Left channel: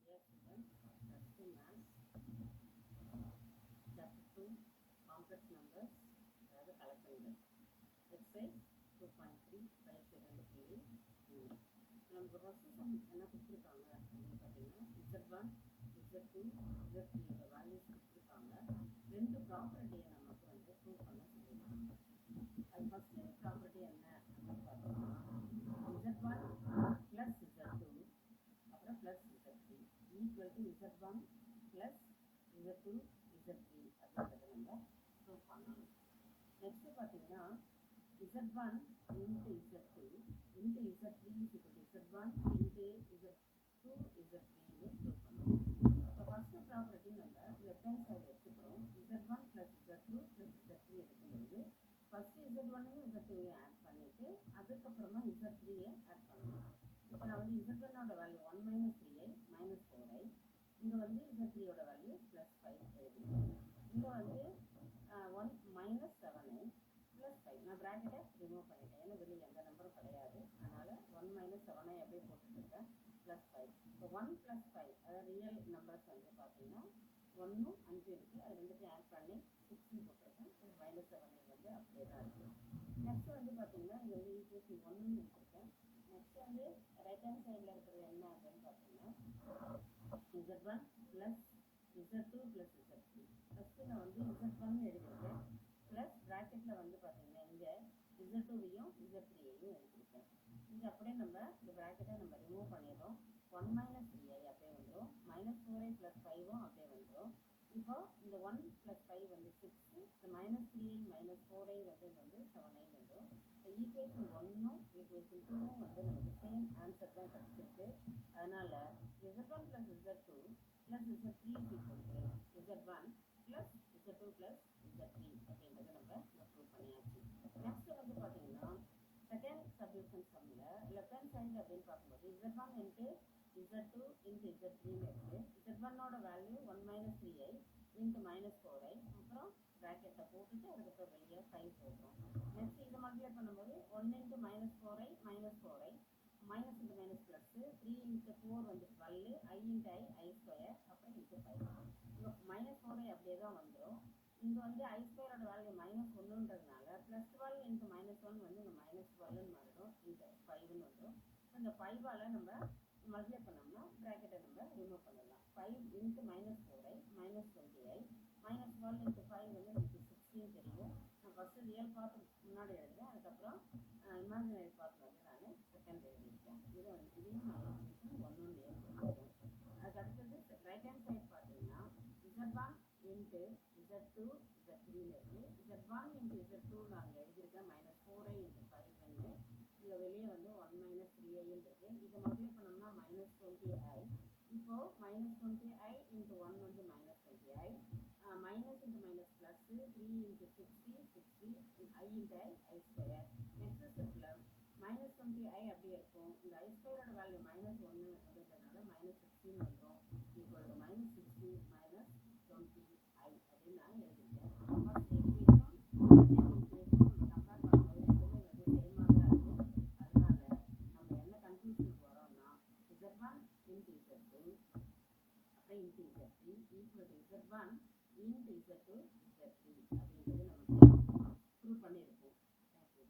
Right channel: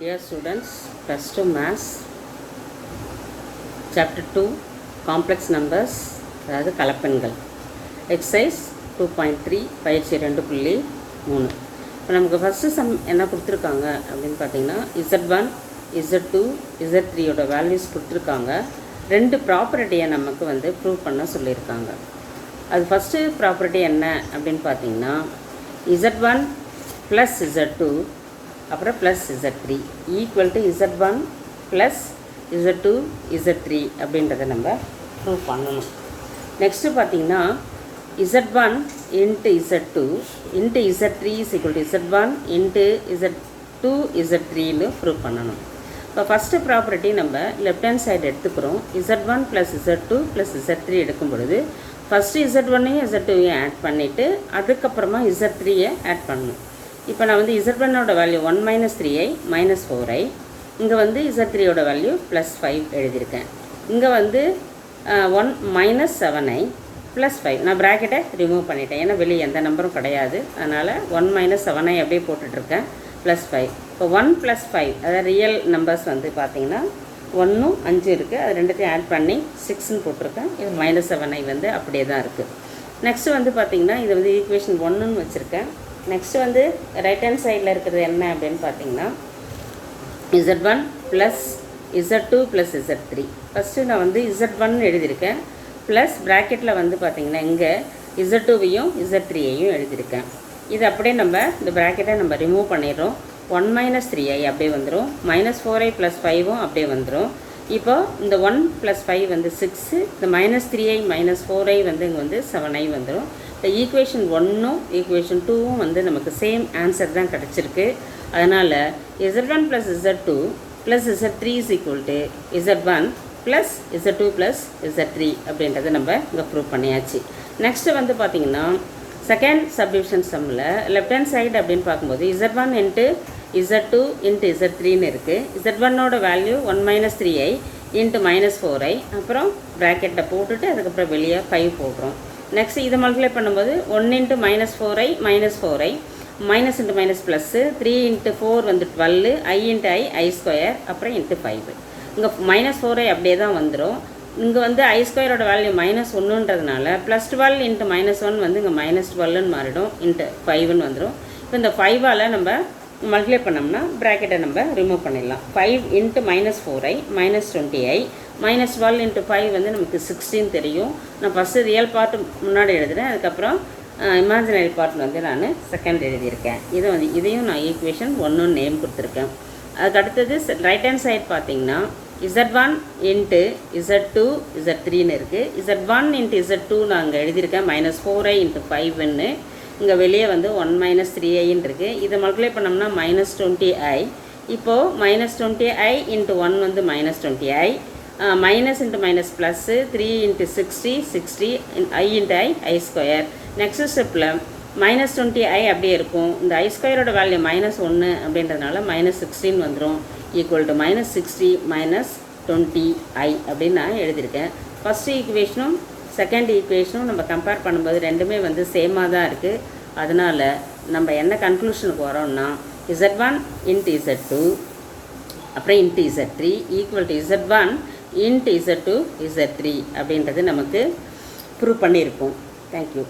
Dear students, plus 2 Maths, Chapter 2, Complex Numbers, அதாவது கலப்பெண்கள். Exercise 2.3, பயிற்சி 2.3. இப்போ நமக்கு ஃபஸ்ட்டு சம் என்ன கொடுத்துருக்காங்க அப்படின்னு பார்த்தீங்கன்னா Z1, Z2, Z3யோட வேல்யூஸ் கொடுத்துருக்காங்க. ரெண்டு ப்ராப்பர்ட்டியை நமக்கு வந்து ப்ரூவ் பண்ண சொல்லியிருக்காங்க. அது ஃபஸ்ட்டு ப்ராப்பர்ட்டி என்ன அப்படின்னு பார்த்தீங்கன்னா Z1 ப்ளஸ் Z2 அப்புறம் plus Z3 equal to Z1 plus Z2 Z3 அப்படின்றத நம்ம ப்ரூவ் பண்ணணும். நெக்ஸ்ட்டு பார்த்தீங்கன்னா Z1 into Z2 into Z3 is equal to Z1 into Z2 Z3ன்னு ப்ரூவ் பண்ணணும். இப்போ ஃபஸ்ட்டு ப்ராப்பர்ட்டி நம்ம லெஃப்ட் ஹேண்ட் சைடு எடுத்துக்கிறோம். Z1 plus Z2 plus Z3 எடுக்கும் பொழுது ஃபஸ்ட்டு Z1ஐயும் Z2ஐயும் ஆட் பண்ணிவிட்டு அதுக்கப்புறமா Z3யை ஆட் பண்ணணும். இப்போ நான் வந்து Z1ஓட value 1 minus 3i minus 4i, இங்கே வந்து Z3யோட வேல்யூ ப்ளஸ் 5 எழுதியிருக்கேன். இங்கே வந்து 1 மைனஸ் 7i ப்ளஸ் 5, நான் ப்ராக்கெட்டை ரிமூவ் பண்ணிட்டேன், ஏன்னா வெளியே எந்த நம்பரும் கிடையாது. அதனால் 1 மைனஸ் 7i அப்படியே போட்டுட்ருக்கேன், ப்ளஸ் 5. இப்போ 1 ப்ளஸ் 5, அதாவது ரியல் நம்பர்ஸ் வந்து பார்த்திங்கன்னா 1ம் 5 இருக்குது, அது ரெண்டுத்தையும் ஆட் பண்ணி 6ன்னு போட்டிருக்கேன். இது மைனஸ் 7i வந்து அப்படியே தான் இருக்குது. நெக்ஸ்ட்டு வந்து பார்த்திங்கன்னா இது வந்து ஈக்குவேஷன் 1ன்னு வச்சுருக்கேன். நெக்ஸ்ட்டு வந்து ரைட் ஹேண்ட் சைடில் இருக்கிறது என்ன அப்படின்னு பார்த்தீங்கன்னா Z1 plus Z2 plus Z3. First நான் வந்து Z1 எழுதியிருக்கேன், ப்ளஸ் ப்ராக்கெட்டில் வந்து பார்த்திங்கன்னா இங்கே Z2வையும் Z3ஐயும் எழுதியிருக்கேன். இது அப்படியே நம்ம இந்த ப்ராக்கெட்டை நம்ம ரிமூவ் பண்ணிடுறோம். 1 மைனஸ் 3i அப்படியே வந்துடும், மைனஸ் 4i ப்ளஸ் 5ம் அப்படியே வந்துடும். இப்போ இந்த 1 ப்ளஸ் 5 வந்து 6, இந்த மைனஸ் 3i மைனஸ் 4i வந்து இங்கே வந்து 7i வந்துடும். இந்த ஈக்குவேஷன் 1ம் ஈக்குவேஷன் 2ம் வந்து நமக்கு சேம் ஆன்சர் தான் கிடச்சிருக்கு. அதனால் Z1 plus Z2 plus Z3 is equal to Z1 plus Z2 plus Z3 அப்படின்றத நம்ம இங்கே ப்ரூவ் பண்ணியாச்சு. நெக்ஸ்ட்டு வந்து பார்த்திங்கன்னா செகண்ட் சப்டிவிஷன் சம்மில் லெஃப்ட் ஹேண்ட் சைடு அப்படின்னு பார்க்கும்போது Z1 இன்ட்டு Z2 இன்ட்டு Z3ன்னு இருக்குது. Z1ஓட value 1 minus 3i into minus 4i, அப்புறம் ப்ராக்கெட்டை போட்டுட்டு அதுக்கப்புறம் வெளியே 5 போடுறோம். நெக்ஸ்ட் இதை மல்டிப்ளை பண்ணும்போது 1 into minus 4i minus 4i, minus into minus plus, 3 into 4 வந்து 12, i இன்ட்டு i ஸ்கொயர், அப்புறம் இன்ட்டு 5. இங்கே மைனஸ் 4i அப்படியே தான் வந்துடும். இங்கே வந்து i ஸ்கொயரோட வேல்யூ மைனஸ் 1ன்றதுனால ப்ளஸ் 12 இன்ட்டு மைனஸ் 1 வந்து இங்கே மைனஸ் 12ன்னு மாறிடும், இன்ட்டு 5ன்னு வந்துடும். இப்போ இந்த 5ஆல் நம்ம மல்டிப்ளை பண்ணோம்னா ப்ராக்கெட்டை நம்ம ரிமூவ் பண்ணிடலாம். 5 into minus 4i minus 20i minus 12 into 5 வந்து நமக்கு 16 தெரியும். நான் ஃபஸ்ட்டு ரியல் பார்ட் முன்னாடி எழுதுகிறேன், அதுக்கப்புறம் இமேஜினரி பார்ட் வந்து நான் செகண்ட் எழுதியிருக்கேன். இதையும் நான் ஈக்குவேஷன் 1 நேம் கொடுத்துருக்கேன். அதுக்கு அடுத்தது ரைட் ஹேண்ட் சைட் பார்த்திங்கன்னா Z1 இன்ட்டு Z2 Z3ன்னு இருக்குது. Z1 இன்ட்டு Z2 நான் அங்கே எழுதியிருக்கேன் மைனஸ் 4i இன்ட்டு 5ன்னு. இங்கே வெளியே வந்து 1 மைனஸ் 3iன்னு இருக்குது. இதை மல்டிப்ளை பண்ணோம்னா மைனஸ் 20i. இப்போது மைனஸ் 20i இன்ட்டு 1 வந்து minus 20i, minus into minus plus, 3 into 60 i into i square. Next ஸ்டெப்பில் மைனஸ் 20i அப்படியே இருக்கும். இந்த i ஸ்கொயரோட வேல்யூ மைனஸ் 1 அப்படின்றதுனால மைனஸ் 16 வந்துடும், equal to minus 60 minus 20i அப்படின்னு நான் எழுதியிருக்கேன். ஃபஸ்ட்டு ஈக்குவேஷனும் செகண்ட் ஈக்குவேஷனும் நம்ம கம்பேர் பண்ணும்போது ரெண்டுமே வந்து சேமாக தான் இருக்குது. அதனால் நம்ம என்ன கன்க்ளூஷனுக்கு வரோம்னா Z1 இன்ட்டு Z2 அப்புறம் into Z3 equal to Z1 into Z2 Z3 அப்படின்றது நமக்கு ப்ரூவ் பண்ணியிருக்கோம். தேங்க்யூ.